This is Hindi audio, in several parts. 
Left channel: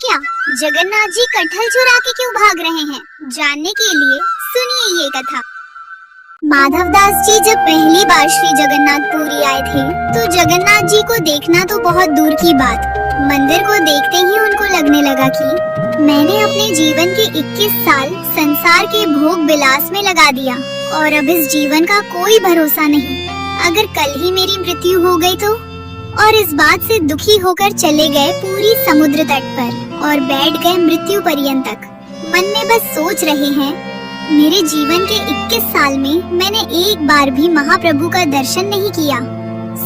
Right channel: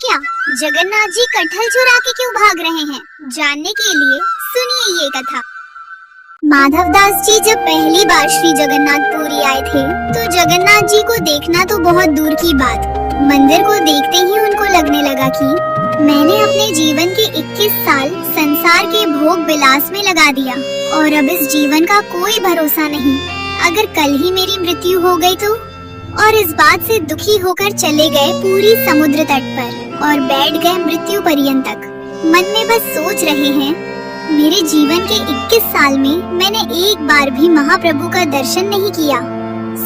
क्या? जगन्नाथ जी कटहल चुरा के क्यों भाग रहे हैं? जानने के लिए सुनिए ये कथा। माधवदास जी जब पहली बार श्री जगन्नाथपुरी आए थे तो जगन्नाथ जी को देखना तो बहुत दूर की बात, मंदिर को देखते ही उनको लगने लगा कि मैंने अपने जीवन के 21 साल संसार के भोग विलास में लगा दिया और अब इस जीवन का कोई भरोसा नहीं। अगर कल ही मेरी मृत्यु हो गई तो? और इस बात से दुखी होकर चले गए पूरी समुद्र तट पर और बैठ गए मृत्यु पर्यंत तक। मन में बस सोच रहे हैं, मेरे जीवन के 21 साल में मैंने एक बार भी महाप्रभु का दर्शन नहीं किया।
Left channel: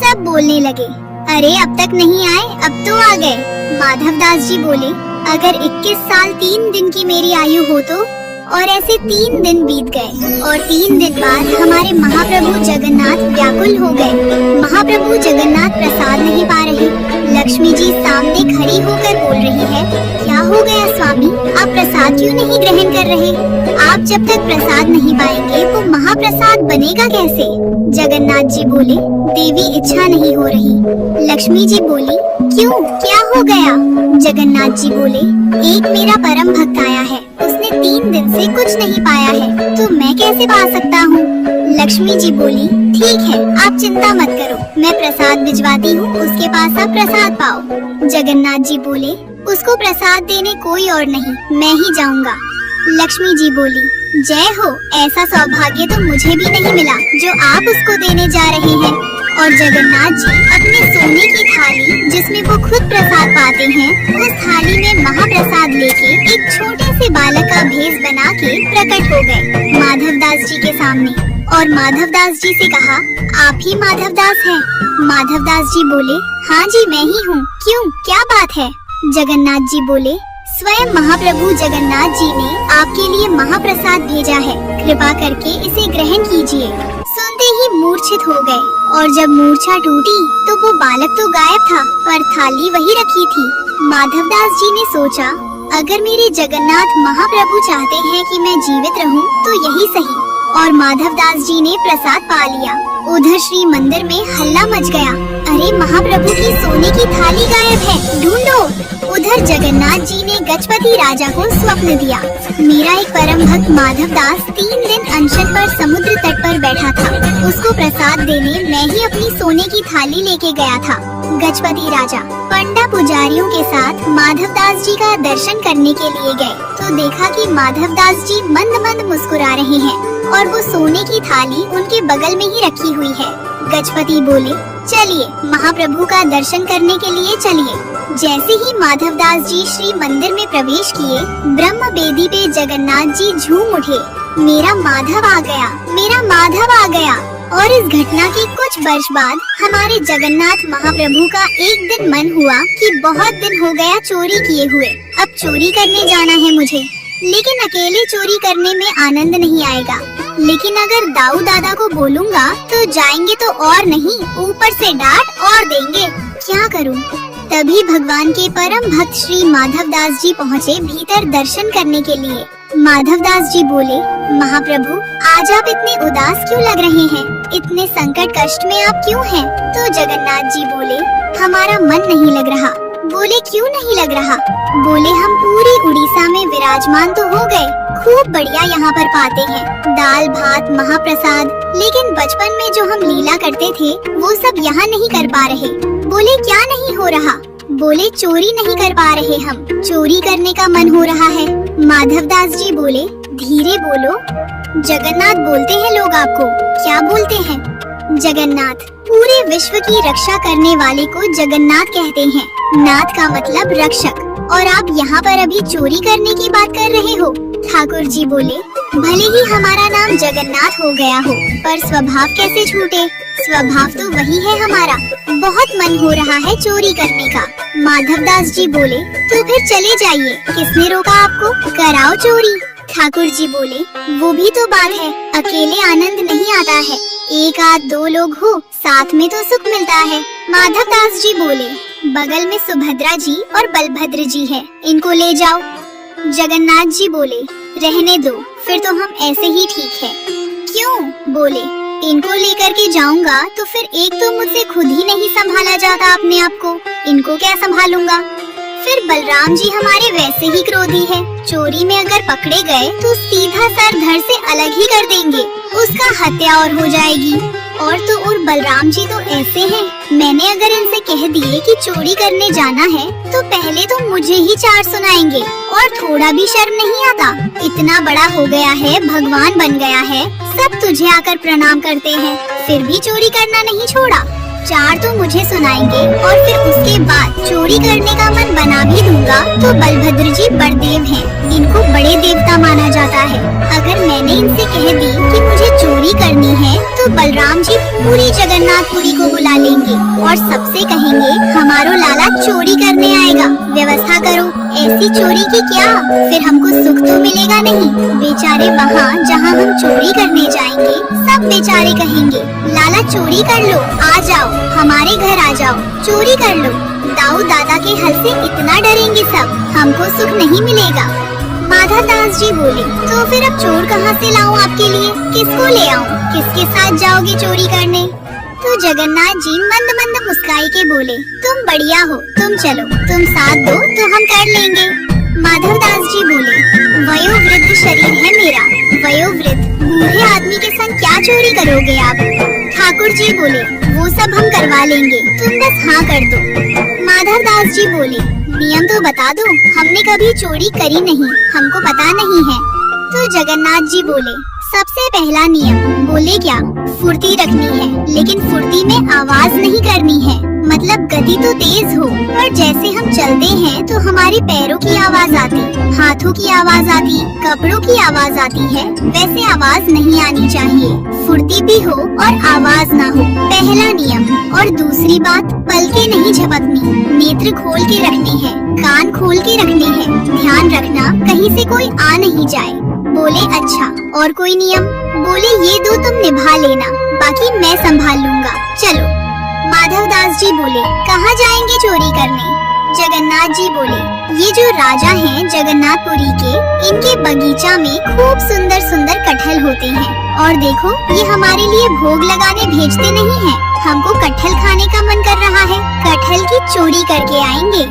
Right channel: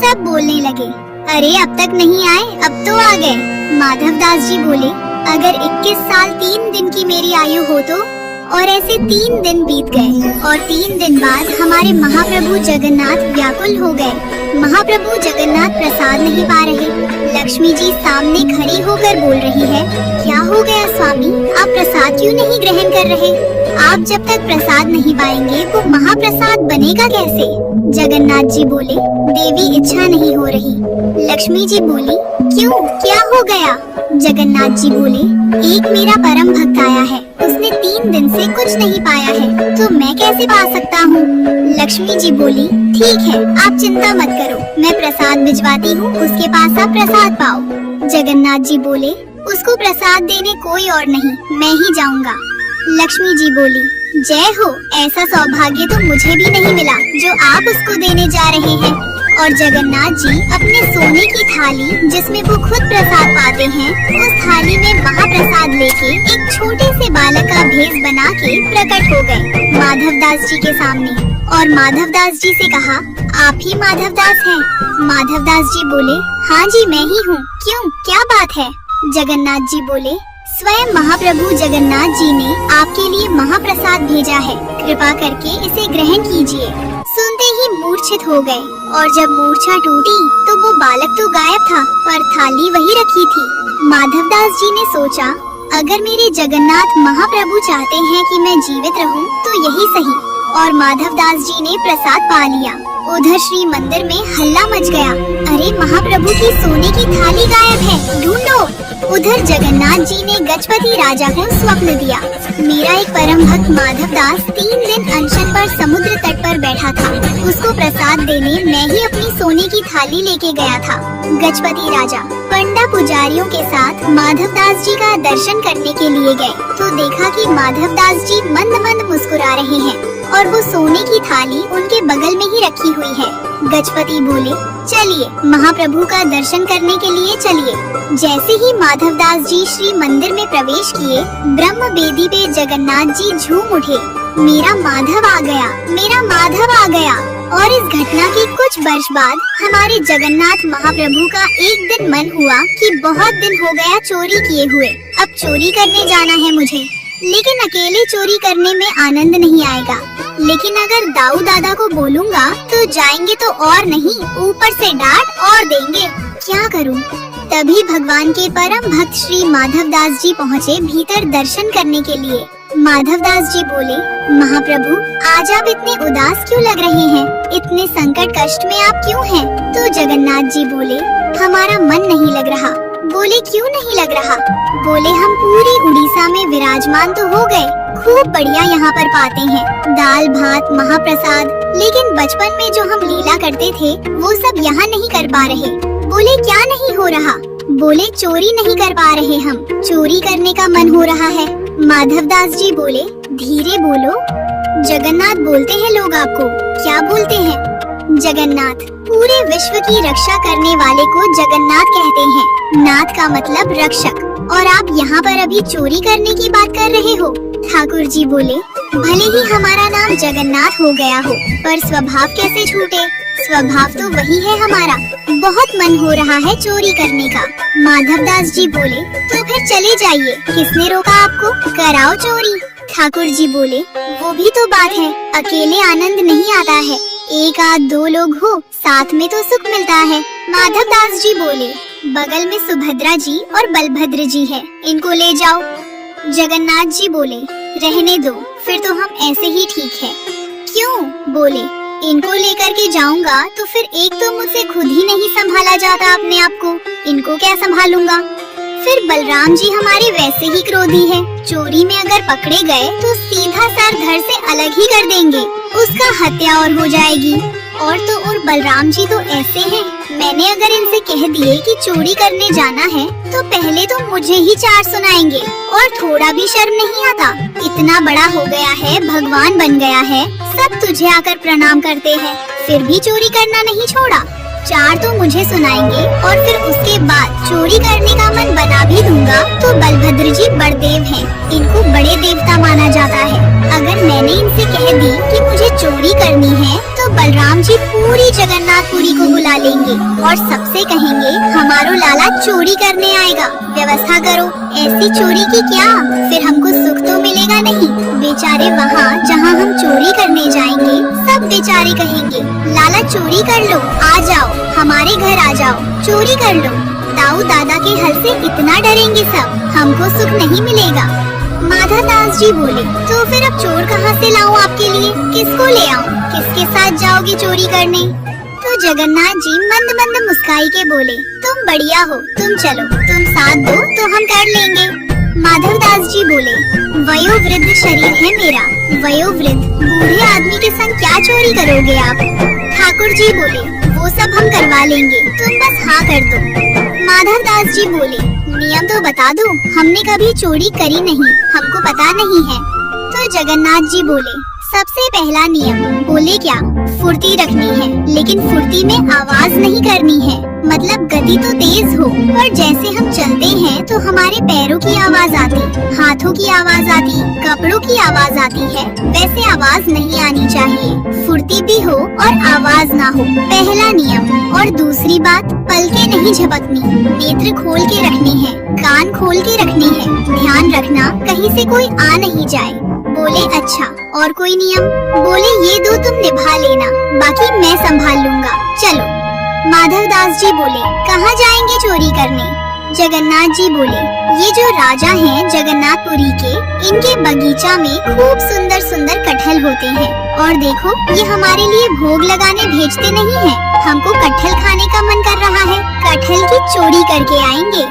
सब बोलने लगे, अरे अब तक नहीं आए, अब तो आ गए। माधवदास जी बोले, अगर 21 साल 3 दिन की मेरी आयु हो तो? और ऐसे 3 दिन बीत गए और 3 दिन बाद हमारे महाप्रभु जगन्नाथ व्याकुल हो गए। महाप्रभु जगन्नाथ प्रसाद नहीं पा रहे। लक्ष्मी जी सामने खड़ी होकर बोल रही है, क्या हो गया स्वामी, आप प्रसाद क्यों नहीं ग्रहण कर रहे? आप जब तक प्रसाद नहीं पाएंगे तो महाप्रसाद बनेगा कैसे? जगन्नाथ जी बोले, देवी इच्छा नहीं हो रही। लक्ष्मी जी बोली, क्यों, क्या हो गया? जगन्नाथ जी बोले, एक मेरा परम भक्त आया है, उसने 3 दिन से कुछ नहीं पाया है, तो मैं कैसे पा सकता हूँ? लक्ष्मी जी बोली, ठीक है, आप चिंता मत करो, मैं प्रसाद भिजवाती हूँ, उसके पास आप प्रसाद पाओ। जगन्नाथ जी बोले, उसको प्रसाद देने कोई और नहीं, मैं ही जाऊँगा। लक्ष्मी जी बोली, जय हो, ऐसा सौभाग्य तो मुझे भी नहीं मिला जो आप उसको देने जा रहे हैं। और जगन्नाथ जी अपने सोने की थाली जिसमें वो खुद प्रसाद पाते हैं, उस थाली में महाप्रसाद लेके एक छोटे से बालक का भेष बना के प्रकट हो गए माधवदास जी के सामने और माधवदास जी से कहा, आप ही माधवदास हैं? माधवदास जी बोले, हाँ जी मैं ही हूँ, क्यों, क्या बात है? जगन्नाथ जी बोले, स्वयं महाप्रभु जगन्नाथ जी ने आपके लिए महाप्रसाद भेजा है, कृपा करके इसे ग्रहण कीजिए। सुनते ही मूर्छित हो गए और जब मूर्छा टूटी तो वो बालक तो गायब था पर थाली वही रखी थी। माधवदास जी ने सोचा, अगर मेरे जगन्नाथ महाप्रभु चाहते हैं कि मैं जीवित रहूं तो यही सही, और माधवदास जी ने प्रसाद पा लिया। उधर श्री मंदिर में हल्ला मच गया, अरे महाप्रभु की सोने की थाली गायब है, ढूंढो। उधर जगन्नाथ जी ने गजपति राजा को स्वप्न दिया, मेरा एक परम भक्त माधवदास 3 दिन अनशन पर समुद्र तट पर बैठा था, उसको प्रसाद देने मैं ही अपनी सोने की थाली लेके गया था। गजपति राजा पंडा पुजारियों के साथ माधवदास जी का दर्शन करने के लिए गए तो देखा कि माधवदास जी मंद मंद मुस्कुरा रहे हैं और वो सोने की थाली उनके बगल में ही रखी हुई है। गजपति बोले, चलिए महाप्रभु का दर्शन करने के लिए चलिए। जैसे ही माधवदास जी श्री मंदिर में प्रवेश किए, ब्रह्म वेदी पे जगन्नाथ जी झूम उठे, मेरा माधव आ गया, मेरा माधव आ गया। और इस घटना के कुछ वर्ष बाद हमारे जगन्नाथ महाप्रभु का एक दिन मन हुआ कि बहुत दिन हो गया चोरी किए हुए, अब चोरी करने जाना है मुझे, लेकिन अकेले चोरी करने में आनंद नहीं आएगा, लेकिन अगर दाऊ दादा को बोलूँगा तो जाएंगे तो और नहीं, ऊपर से डांट और देंगे, क्या करूँ? तभी भगवान के परम भक्त श्री माधवदास जी पहुँचे भीतर दर्शन करने के लिए। माधवदास जी बोले, महाप्रभु आज आप इतने उदास क्यों लग रहे हैं, इतने संकट कष्ट में आप क्यों हैं? तो जगन्नाथ जी बोले, हमारा मन नहीं लग रहा। बोले, क्यों नहीं लग रहा? बोले, हम पूरी उड़ीसा में विराजमान तो हो गए, खूब बढ़िया यहाँ पर पाते हैं, दाल भात महाप्रसाद, लेकिन बचपन में जो हम लीला करते थे वो सब यहाँ नहीं कर पा रहे। बोले, क्या नहीं हो रहा? बोले, चोरी नहीं कर पा रहे हम, चोरी करने का मन हो रहा है। माधवदास जी बोले, धीरे बोलो, जगन्नाथ बोलते हैं लोग आपको। क्या बोलते हैं? जगन्नाथ, पूरे विश्व की रक्षा करने वाले को जगन्नाथ कहते हैं। नाथ का मतलब रक्षक, और आप यहाँ पर अभी चोरी करने की बात कर रहे हो। ठाकुर जी बोले, भले ही हमारा नाम जगन्नाथ हो गया हो, पर स्वभाव कैसे छूटे? स्वभाव तो वही है हमारा, बहुत मन हो रहा है चोरी करने का। माधवदास जी बोले, तो फिर चले जाइए, किसने रोका आपको, कराओ चोरी। ठाकुर जी बोले, वो भी तो बात है, अकेले आनंद नहीं आता है, एक आध 2 लोग हो साथ में तो सुख मिलता है। माधवदास जी बोले, बगल में सुभद्रा जी और बलभद्र जी है, इनको ले जाओ। जगन्नाथ जी बोले, रहने दो, फिर तो हम ऐसे ही ठीक है। क्यों? बोले, इनको लेकर के जाऊंगा तो फिर एक तो मुझसे खुद ही नहीं संभाला जाता अपने आप को, इनको क्या संभालूंगा, फिर बलराम जी हमारे वैसे ही क्रोधी है, चोरी में अगर पकड़े गए तो सीधा सर धड़ से अलग ही कर देंगे, उसका हत्या और हो जाएगी। और तो और बलराम जी तो ऐसे हैं, मैंने अगर इनसे कह दिए कि चोरी करने जाना है तो पहले तो मुझे ही चार सुनाएंगे और थोड़ा भी शर्म नहीं आता। इतना बड़ा हो गया है, भगवान बन गया है, सब तुझे आकर प्रणाम करते हैं, फिर भी चोरी करना नहीं छोड़ा। चार तो मुझे सुनाएंगे और फिर उसके बाद चोरी करने का मन बना भी दूंगा तो बलभद्र जी बड़देव हैं, इनको बड़े देवता माना जाता है। अगर मैंने इनसे कह दी कि मुझे चोरी करनी है तो बलराम जी पूरी जगन्नाथपुरी को बुला लेंगे और सबसे कहेंगे हमारो लाला चोरी करने आएगा, व्यवस्था करो। ऐसी चोरी की क्या, फिर हमको सुख तो मिलेगा नहीं। बेचारे वहाँ जहाँ हम चोरी करने जाएंगे सब बेचारे कहेंगे लाला चोरी कर लो, आ जाओ हमारे घर आ जाओ, चोरी कर लो। दाऊ दादा के हल से इतना डरेंगे सब, हमको सुख नहीं मिलेगा। माधव दास जी बोले, तो फिर अब चोर कहाँ से लाऊं आपके लिए, किसको ले आऊं, किसके साथ जाओगे चोरी करने? तो जगन्नाथ जी मंद मंद मुस्काई के बोले, तुम बढ़िया हो, तुम चलो, तुम साथ दो तो हम कर लेंगे। माधव दास जी बोले, वयोवृद्ध शरीर है मेरा, वयोवृद्ध बूढ़े आदमी के संग क्या चोरी करोगे आप? ठाकुर जी बोले, वो सब हम करवा लेंगे, तुम बस हाँ कर दो। माधव दास जी बोले, नियम तो बता दो, हमने कभी चोरी करी नहीं, हमको पता नहीं है। तो जगन्नाथ जी बोले, सबसे पहला नियम, बोले क्या, फुर्ती रखनी है, लेकिन फुर्ती में आवाज नहीं करनी है, मतलब गति तो तेज हो, पर जैसे हम चलते हैं तो हमारे पैरों की आवाज आती, हाथों की आवाज आती, कपड़ों की आवाज आती है, वैसे आवाज नहीं आनी चाहिए, फुर्ती भी हो और आवाज ना हो, पहला नियम। और दूसरी बात, पलकें नहीं झपकनी, नेत्र खोल के रखनी है, कान खोल के रखनी है, ध्यान रखना कहीं से कोई आ नहीं जाए। बोले अच्छा, और कोई नियम? बोले ये दो तुम निभा लेना, बाकी मैं संभाल लूंगा, चलो। माधव दास जी बोले, कहाँ जाएंगे चोरी करने? जगन्नाथ जी बोले, ये जो राजा हैं जगन्नाथपुरी के, इनके बगीचा में खूब सुंदर सुंदर कटहल होते हैं, और देखो ये हमारे लिए भोग लगाने भेजते नहीं हैं, हमको कटहल खाने का मन कर रहा है, कटहल की चोरी करके आएंगे।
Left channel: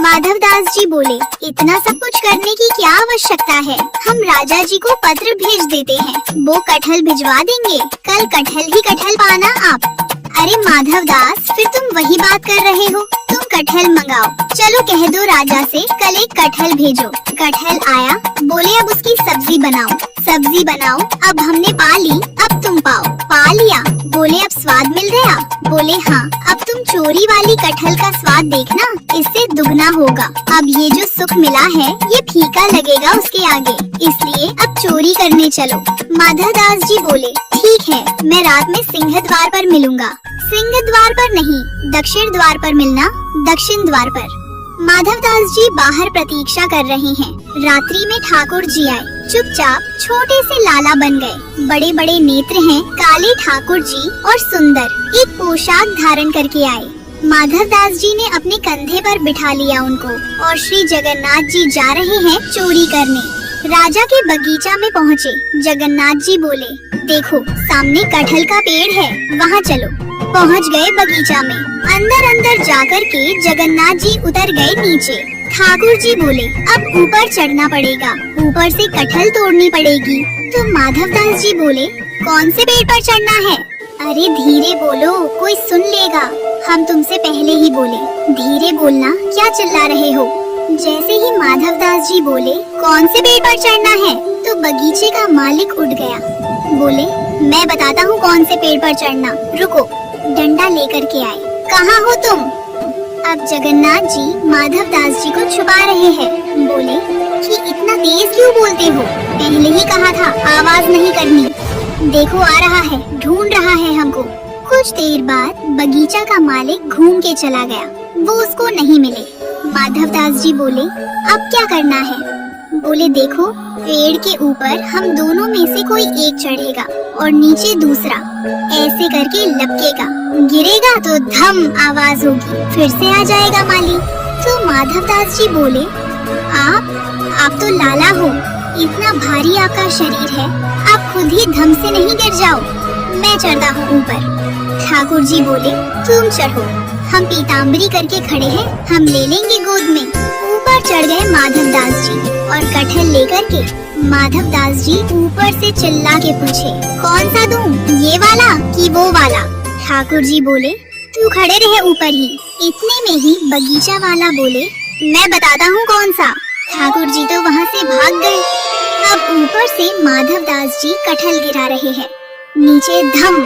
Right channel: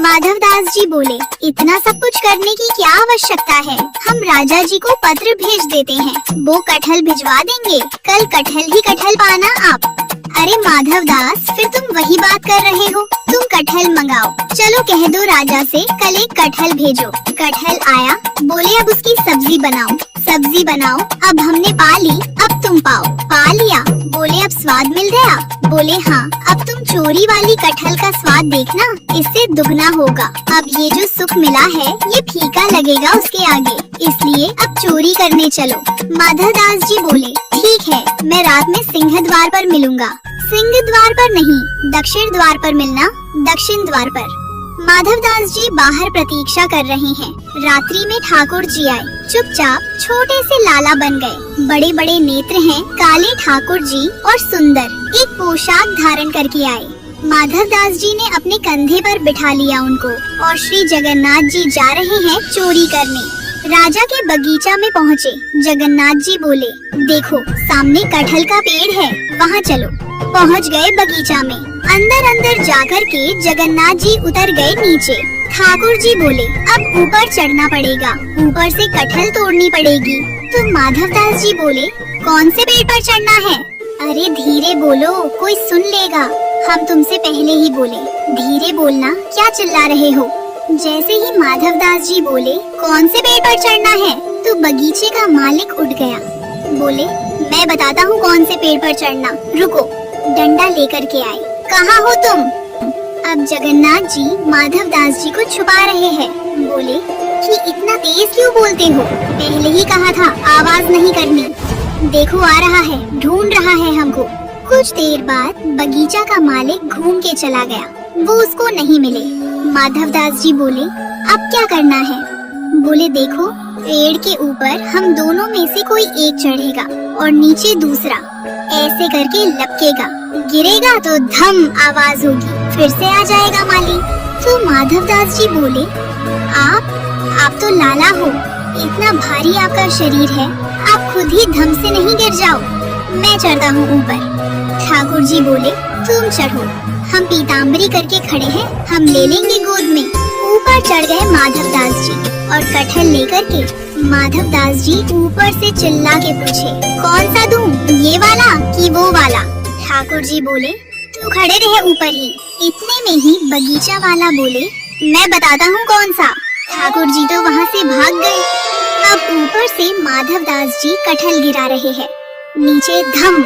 माधव दास जी बोले, इतना सब कुछ करने की क्या आवश्यकता है, हम राजा जी को पत्र भेज देते हैं, वो कटहल भिजवा देंगे, कल कटहल ही कटहल पाना आप। अरे माधव दास, फिर तुम वही बात कर रहे हो, तुम कटहल मंगाओ, चलो कह दो राजा से कल एक कटहल भेजो। कटहल आया, बोले अब उसकी सब्जी बनाओ, सब्जी बनाओ, अब हमने पा ली, अब तुम पाओ, पा लिया, बोले अब स्वाद मिल गया, बोले हाँ, अब तुम चोरी वाली कटहल का स्वाद देखना, इससे दुगना होगा, अब ये जो सुख मिला है ये फीका लगेगा उसके आगे, इसलिए अब चोरी करने चलो। माधव दास जी बोले, ठीक है, मैं रात में सिंह द्वार पर मिलूंगा। सिंह द्वार पर नहीं, दक्षिण द्वार पर मिलना, दक्षिण द्वार पर। माधव दास जी बाहर प्रतीक्षा कर रहे हैं, रात्रि में ठाकुर जी आए, चुपचाप छोटे से लाला बन गए, बड़े बड़े नेत्र हैं, काले ठाकुर जी और सुंदर, एक पोशाक धारण करके आए। माधव दास जी ने अपने कंधे पर बिठा लिया उनको, और श्री जगन्नाथ जी जा रहे हैं चोरी करने। राजा के बगीचा में पहुँचे, जगन्नाथ जी बोले, देखो सामने कटहल का पेड़ है, वहाँ चलो। पहुँच गए बगीचा में, अंदर अंदर जाकर के जगन्नाथ जी उतर गए नीचे। ठाकुर जी बोले, अब ऊपर चढ़ना पड़ेगा, ऊपर से कटहल तोड़नी पड़ेगी। तो माधव दास जी बोले, कौन से पेड़ पर चढ़ना है? अरे धीरे बोलो, कोई सुन लेगा, हम तुमसे पहले ही बोले, धीरे बोलना, क्या चिल्ला रहे हो? जैसे ही माधव दास जी बोले, कौन से पेड़ पर चढ़ना है, तो बगीचे का मालिक उठ गया, बोले, मैं बताता हूँ कौन से पेड़ पर चढ़ना, रुको। डंडा लेकर के आए, कहाँ हो तुम? अब जगन्नाथ जी माधव दास जी को छुपा रहे हैं, बोले कि इतना तेज क्यों बोलते हो, पहले ही कहा था आवाज नहीं करनी, देखो आ रहा है, ढूंढ रहा है हमको। कुछ देर बाद बगीचा का मालिक घूम के चला गया, वो उसको नहीं मिले। माधव दास जी बोले, अब क्या करना है? बोले, देखो पेड़ के ऊपर हम दोनों में से कोई एक चढ़ेगा और नीचे दूसरा, ऐसे करके लपकेगा, गिरेगा तो धम आवाज होगी, फिर से आ जाएगा माली। तो माधव दास जी बोले, आप तो लाला हो, इतना भारी आपका शरीर है, आप खुद ही धम से नहीं गिर जाओ, मैं चढ़ता हूँ ऊपर। ठाकुर जी बोले, तुम चढ़ो, हम पीताम्बरी करके खड़े हैं, हम ले लेंगे गोद में। ऊपर चढ़ गए माधव दास जी और कटहल लेकर के माधव दास जी ऊपर से चिल्ला के पूछे, कौन सा दूं, ये वाला कि वो वाला? ठाकुर जी बोले, तू खड़े रहे ऊपर ही। इतने में ही बगीचा वाला बोले, मैं बताता हूँ कौन सा। ठाकुर जी तो वहाँ से भाग गए। अब ऊपर से माधव दास जी कटहल गिरा रहे हैं। नीचे धम,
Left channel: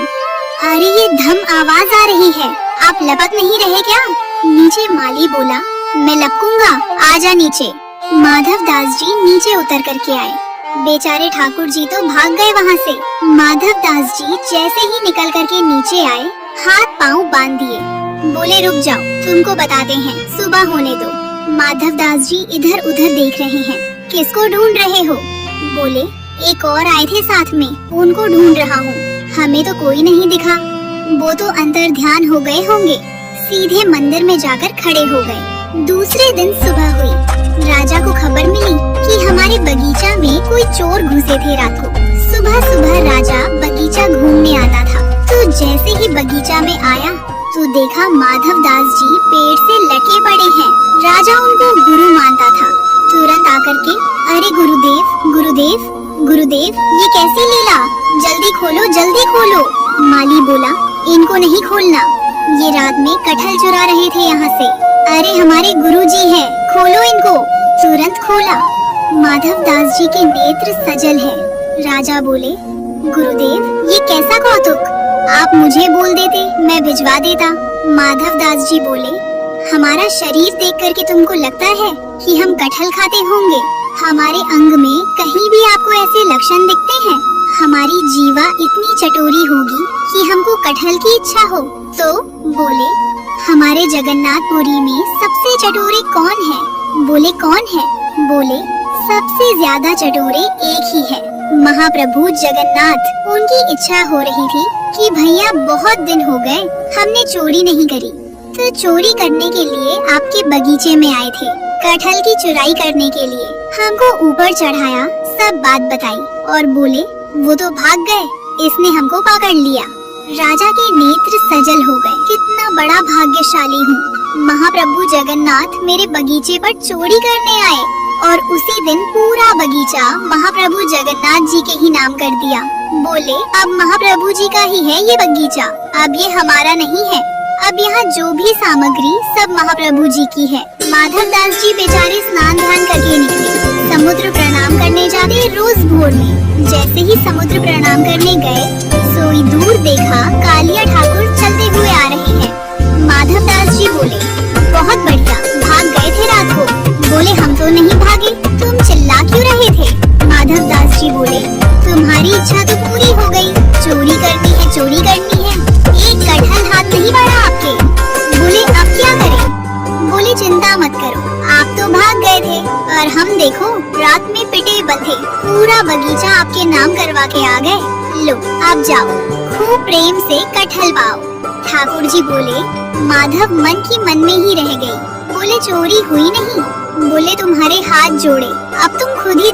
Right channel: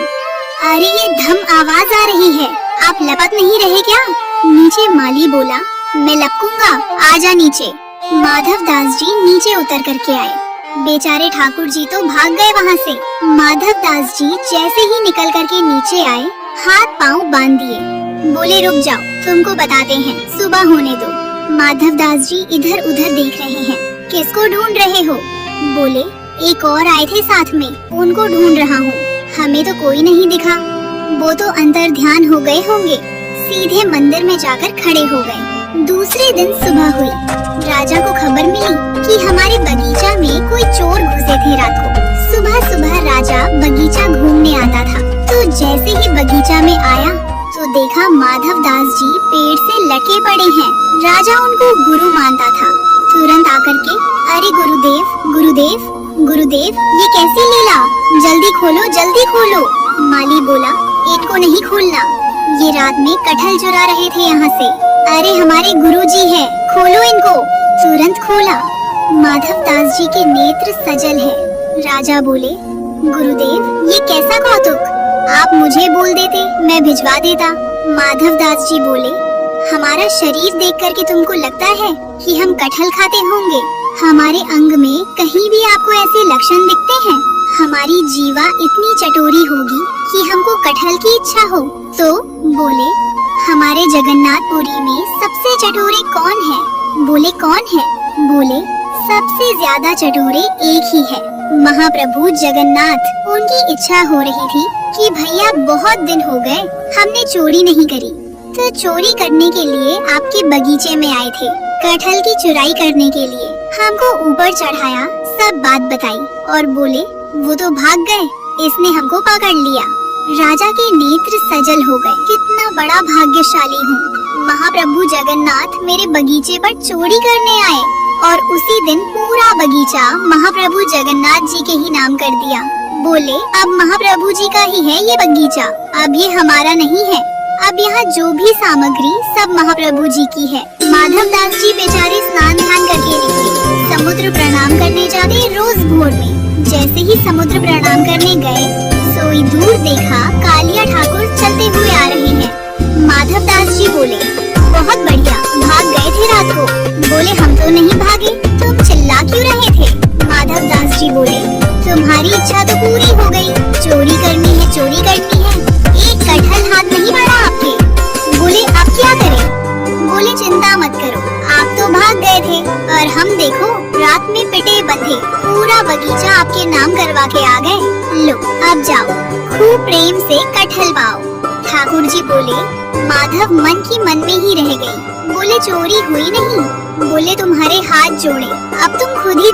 अरे ये धम आवाज आ रही है, आप लपक नहीं रहे क्या? नीचे माली बोला, मैं लपकूंगा, आजा नीचे। माधव दास जी नीचे उतर करके आए। बेचारे ठाकुर जी तो भाग गए वहाँ से। माधव दास जी जैसे ही निकल करके नीचे आए, हाथ पाँव बांध दिए, बोले रुक जाओ, तुमको बताते हैं, सुबह होने दो। माधव दास जी इधर उधर देख रहे हैं, किसको ढूंढ रहे हो? बोले, एक और आए थे साथ में, उनको ढूंढ रहा हूँ, हमें तो कोई नहीं दिखा। वो तो अंतर ध्यान हो गए होंगे, सीधे मंदिर में जाकर खड़े हो गए। दूसरे दिन सुबह हुई, राजा को खबर मिली कि हमारे बगीचा में कोई चोर घुसे थे रात को। सुबह सुबह राजा बगीचा घूमने आता था, तो जैसे ही बगीचा में आया तो देखा माधव दास जी पेड़ से लटके पड़े हैं। राजा उनको गुरु मानता था। तुरंत आकर के, अरे गुरुदेव गुरुदेव गुरुदेव, ये कैसी लीला, जल्दी खोलो जल्दी खोलो। माली बोला, इनको नहीं खोलना, ये रात में कटहल चुरा रहे थे यहाँ से। अरे हमारे गुरुजी हैं, खोलो इनको। तुरंत खोला, माधव दास जी के नेत्र सजल है। राजा बोले, गुरुदेव ये कैसा कौतुक, आप मुझे बोल देते, मैं भिजवा देता। माधव दास जी बोले, हमारा शरीर देख करके तुमको लगता है कि हम कटहल खाते होंगे? हमारे अंग में कहीं भी आपको ऐसे लक्षण दिखते हैं? हमारी जीवा इतनी चटोरी होगी कि हमको कटहल की इच्छा हो? तो बोले, हमारे जगन्नाथपुरी में सबसे चटोरे कौन है? बोले, कौन है? बोले, सबसे ज्यादा चटोरे एक ही है, महाप्रभु जगन्नाथ। उनकी इच्छा हो रही थी कि भैया बहुत दिन हो गए हमने चोरी नहीं करी, तो चोरी करने के लिए आपके बगीचे में आए थे, कटहल की चुराई करने के लिए। हमको ऊपर चढ़ाया, सब बात बताई और बोले वो तो भाग गए, इसने हमको पकड़ लिया। राजा के नेत्र सजल हो गए, कितना बड़ा भाग्यशाली हूँ, महाप्रभु जगन्नाथ मेरे बगीचे पर चोरी करने आए और उसी दिन पूरा बगीचा महाप्रभु जगन्नाथ जी के ही नाम कर दिया। बोले, अब महाप्रभु जी का ही है ये बगीचा, अब ये हमारा नहीं है, अब यहाँ जो भी सामग्री सब महाप्रभु जी की है। माधव दास जी बेचारे स्नान ध्यान करके निकले, समुद्र प्रणाम करने जाते रोज भोर में। जैसे ही समुद्र प्रणाम करने गए, सोई दूर देखा कालिया ठाकुर चलते हुए आ रहे हैं। माधव दास जी बोले, बहुत बढ़िया, भाग गए थे रात को? बोले, हम तो नहीं भागे, तुम चिल्ला क्यों रहे थे? माधव दास जी बोले, तुम्हारी इच्छा तो पूरी हो गई, चोरी करनी है चोरी करनी है, एक कटहल हाथ नहीं बढ़ा आपके। बोले, अब क्या करें? बोले, चिंता मत करो, आप तो भाग गए थे और हम देखो रात में पिटे बंधे पूरा बगीचा आपके नाम करवा के आ गए। लो अब जाओ, खूब प्रेम से कटहल पाओ। ठाकुर जी बोले, माधव मन की मन में ही रह गई। बोले, चोरी हुई नहीं। बोले, तुम्हारे हाथ जोड़े, अब तुम खुद ही